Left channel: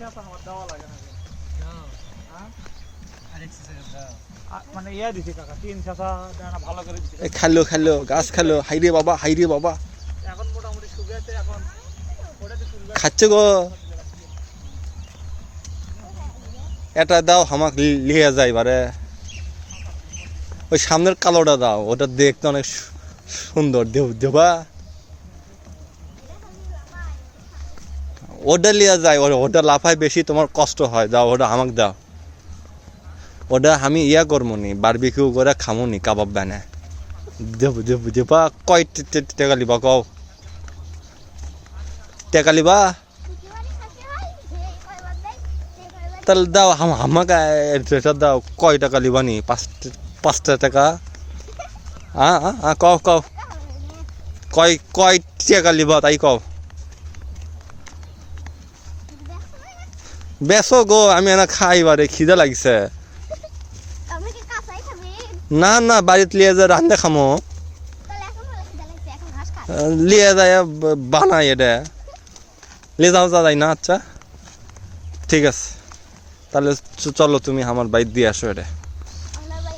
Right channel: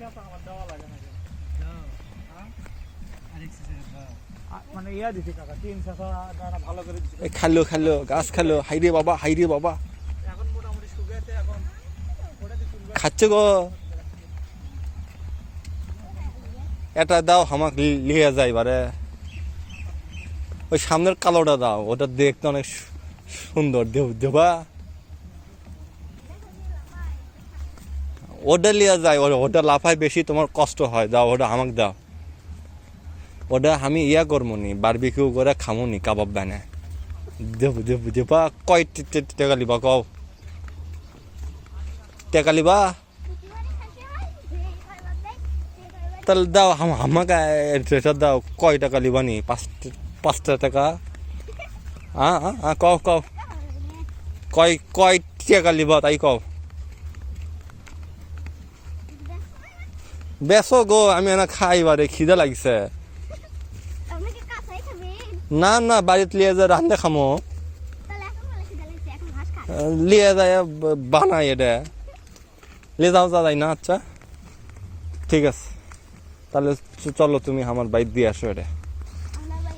আমার দেওয়া লাগে না মানে ইয়া দিছি কাকা 3 চাষা দানা ভালো করে দিছি খালো গাছ খালো হাইরে বাবা এখন মোটামুটি শুকিয়েছে এখন ওটাতে তুলবে খাচ্ছে গো এটা দাও হামাক লিয়ে যায় বারে ওই সামনের কালোটা দাও ওটা দেখতে অনেক সুন্দর দেবা ওটা লিয়ে যায় ওটা লাফায় বেশি তোমার কষ্ট হয় দাও ওটা আমাকে দাও ওটা আমি ইয়া করবো নি বারবিকিউ করে খামো নি কাবাব বানায় দেবা কয় টাকা লিবা কও টাকা লিবা তাহলে দাও আমাকে এটা দাও কয় টাকা লিবা নি 5 টাকা কও কয় টাকা লিবা তাই কও বেসো গো আমি এনা খাই বারে খিদা লাগছে না বাড়িতে লিয়ে যা রান্ধে খামো লিয়ে যায় বানাই এটা লিয়ে যাও যাই না আচ্ছা ঠিক আছে তাহলে চলো তুমি আমার বাইর দিয়ে আসো এটা